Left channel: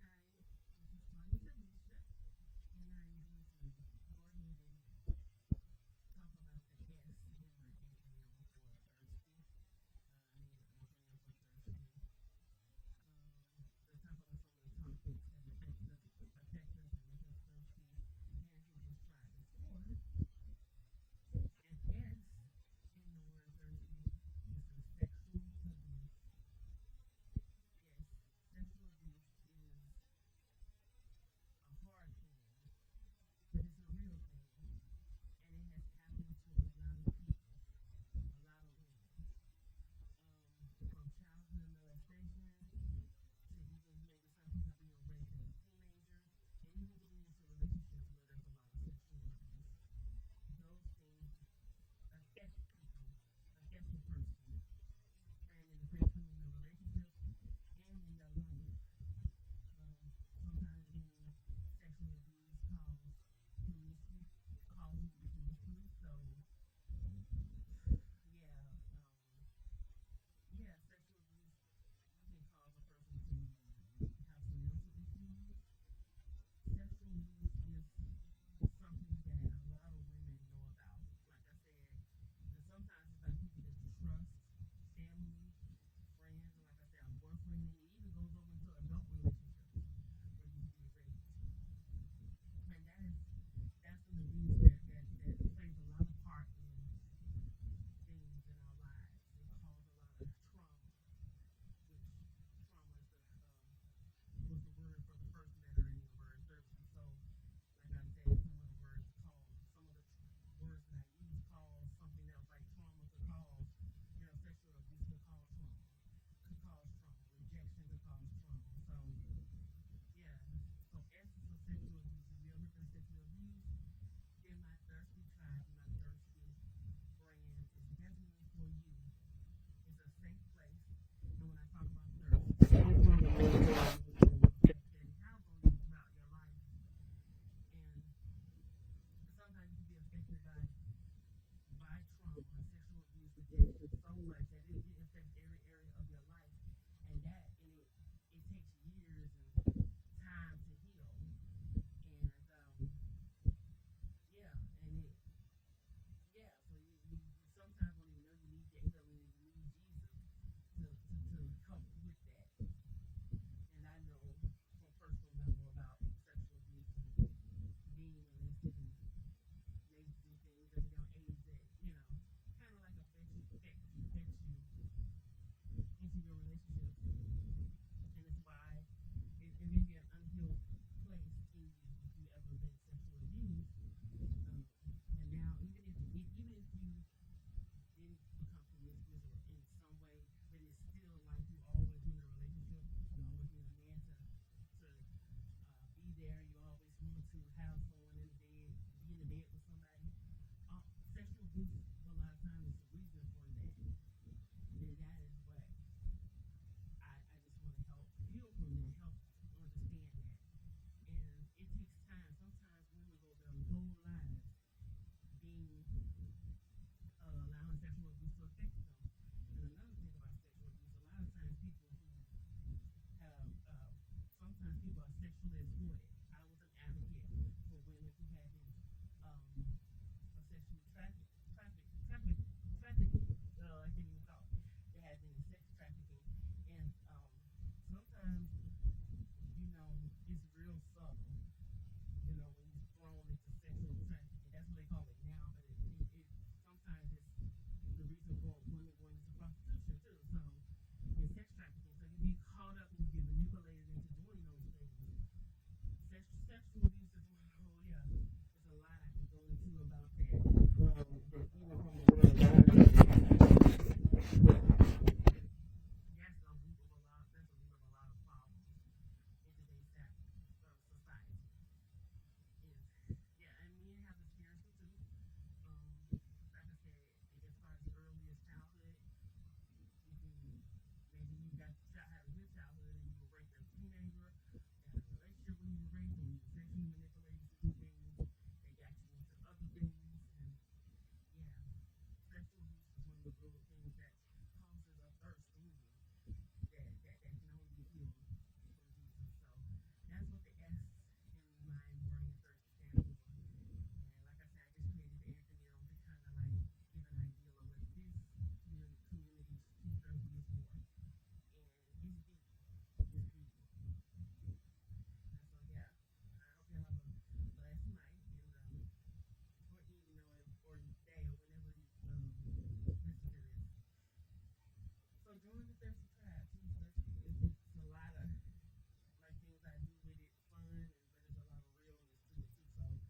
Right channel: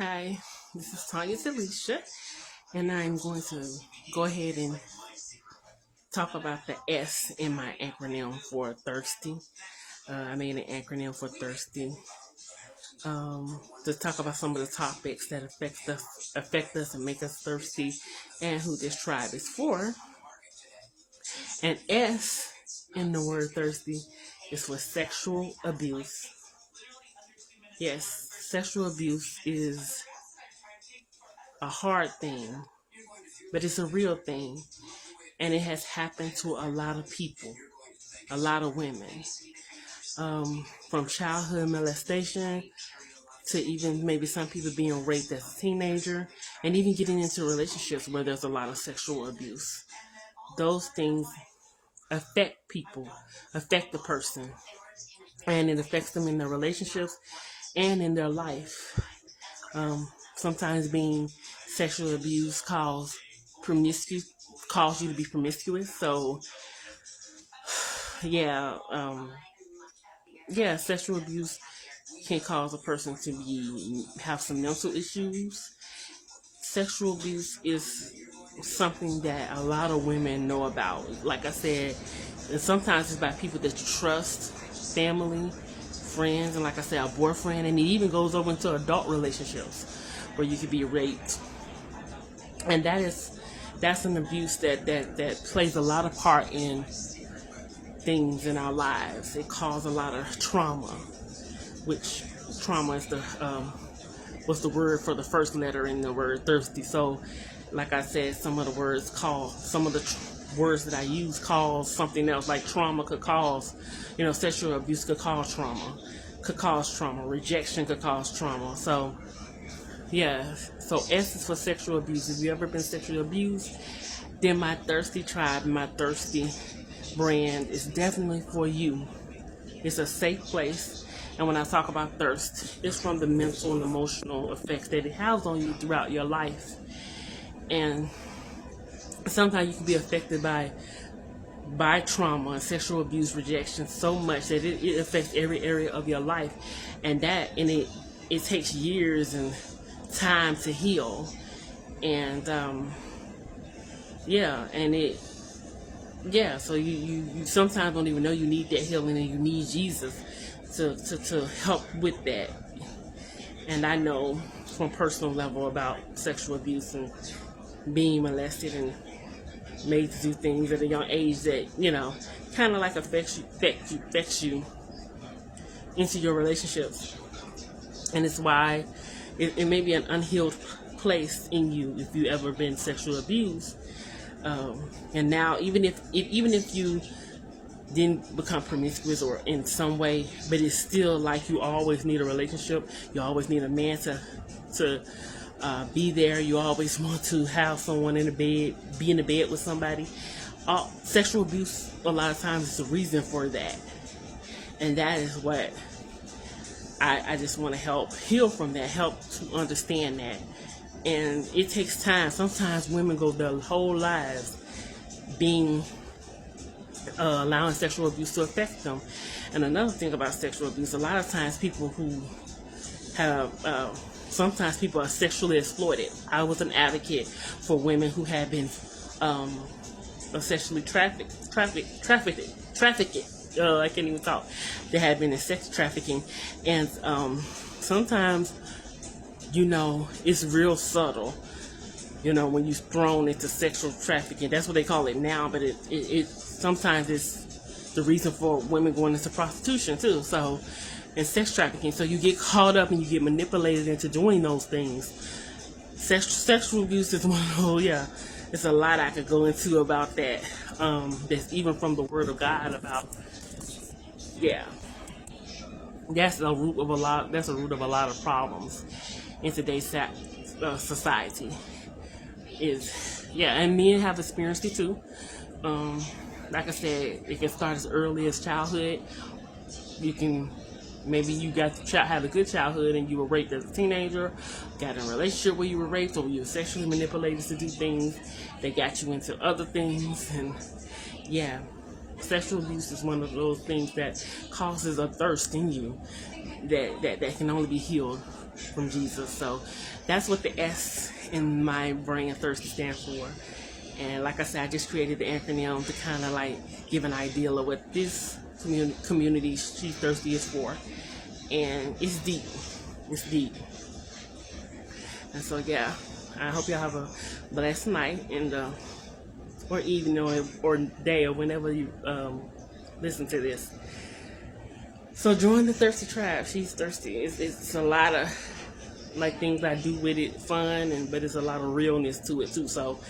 Hi, this is Tanya Talisha, and I'm going to go ahead and talk about the S in my acronym for thirsty. I made an acronym for thirsty to talk about some of the topics that affect us, and make us thirsty, and who this tribe is for. And S in the word thirsty is for sexual abuse. Yes, sexual abuse is a hard thing, but it's a real thing. And it has happened to a lot of people, a lot of women, from childhood molestation to even maybe some people being raped as a teenager, and even getting into relationships where there's a lot of sexual abuse. Those things affect people, affect the person, and it affects them in their relationships and in their life. Sometimes being sexually abused cause you to be promiscuous. So yeah, sexual abuse can cause a person to have some mental issues. Sexual abuse is something that a lot of women know about. Like I said, and sometimes it's by people that you trust, family, friends, and like I said, a boyfriend, and it even goes over into adult relationships where you could be raped. And that's an abuse that plays a lot of part in things in our lives. It causes a lot of trauma, which trauma is the what's the word for the first letter in the word thirsty. So, like I said, some of the words that I use cause something else. Like trauma could cause, sexual abuse could cause trauma, rejection could cause trauma. So, yeah. So S is for sexual abuse. If you ever been sexually abused, then my thirsty tribe, my thirsty brand is definitely for you. It's a safe place. And when I talk about thirst, it's from the mental and emotional effects that it has on you throughout your life. And sometimes you can be affected by trauma and sexual abuse, rejection so much that it affects every area of your life. And it takes years and time to heal. And so you sometimes don't even know you need that healing, and you need Jesus to help with that. And I know from personal level about sexual abuse and being molested and made to do things at a young age that kind of like affects you into your relationships. And it's why it may be an unhealed place in you if you ever been sexually abused. And now even if you didn't become promiscuous or in some way, but it's still like you always need a relationship. You always need a man to be there. You always want to have someone in the bed, be in the bed with somebody. Sexual abuse a lot of times is the reason for that, and that is what I just want to help heal from that, help to understand that. And it takes time. Sometimes women go their whole lives being allowing sexual abuse to affect them. And another thing about sexual abuse, a lot of times people who have sometimes people are sexually exploited. I was an advocate for women who had been sexually trafficked. I can't even talk. They had been in sex trafficking, and sometimes it's real subtle. When you're thrown into sexual trafficking, that's what they call it now. But it sometimes it's the reason for women going into prostitution too. So, and sex trafficking. So you get caught up and you get manipulated into doing those things. Sexual abuse is one of those. Yeah, it's a lot I could go into about that. That's even from the Word of God about. Yeah, that's a root of a lot. That's a root of a lot of problems in today's society. And men have experienced it too. Like I said, it can start as early as childhood. Maybe you had a good childhood and you were raped as a teenager, got in a relationship where you were raped, or you were sexually manipulated to do things that got you into other things. And sexual abuse is one of those things that causes a thirst in you that can only be healed from Jesus. So that's what the S in my brand Thirsty stands for. And like I said, I just created the acronym to kind of like give an idea of what this community She's Thirsty is for. And it's deep. It's deep. And so yeah, I hope y'all have a blessed night and or evening or day or whenever you listen to this. So join the Thirsty Tribe. She's thirsty. It's a lot of like things I do with it, fun, but it's a lot of realness to it too. So